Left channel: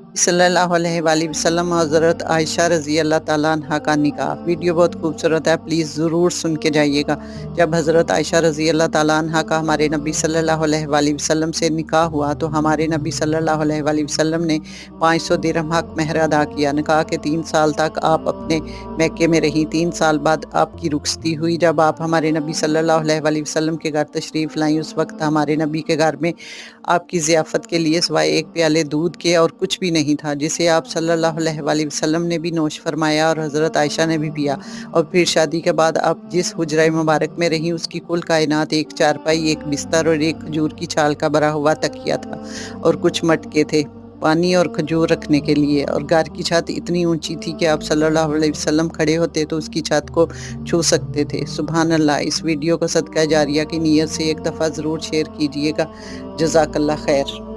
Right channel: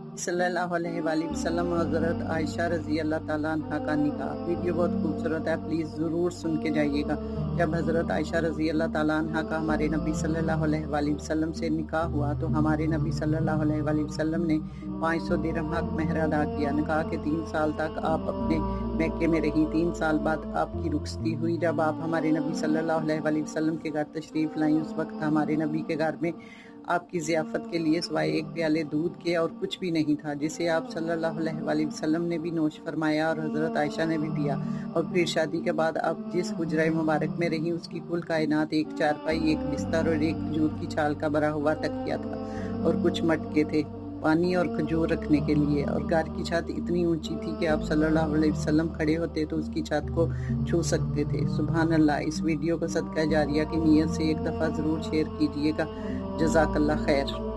सल्लल्लाहु अलैहि वसल्लम और हज़रत आयशा रज़ी अल्लाह ताला अन्हा का निकाह। वीडियो बहुत खूबसूरत है, प्लीज़ ज़रूर सुन के जाइएगा। जब हज़रत आयशा रज़ी अल्लाह ताला अन्हा का हमारे नबी सल्लल्लाहु अलैहि वसल्लम से निकाह हुआ तो हमारे नबी सल्लल्लाहु अलैहि वसल्लम ने 500 दिरहम हक महर अदा किया। निकाह के 3 साल तक आप अपने मैके में रहीं। 3 साल बाद आपकी रुखसती हुई। जब आप हमारे नबी सल्लल्लाहु अलैहि वसल्लम के घर तशरीफ़ लाई, उस वक्त हमारे नबी के घर में आपकी ज़ियाफ़त के लिए सिवाय 1 प्याले दूध के और कुछ भी नहीं था, जिसे आप सल्लल्लाहु अलैहि वसल्लम ने भी नोश फरमाया और हज़रत आयशा ने भी पिया। और फिर शादी के बाद आप जिस हुजरा मुबारक में रहीं, उसकी कुल कायनात 1 चारपाई, 1 बिस्तर और 1 खजूर की छाल का भरा हुआ तकिया था और कुछ मटके थे पानी और खजूर रखने के लिए। और घर की छत इतनी ऊंची थी कि आप सल्लल्लाहु अलैहि वसल्लम खड़े होते तो उसकी छत को छू सकते थे। सुभान अल्लाह। इस वीडियो को सदका जारिया की नीयत से एक दफ़ा ज़रूर शेयर कीजिएगा। जज़ाकल्लाह खैर।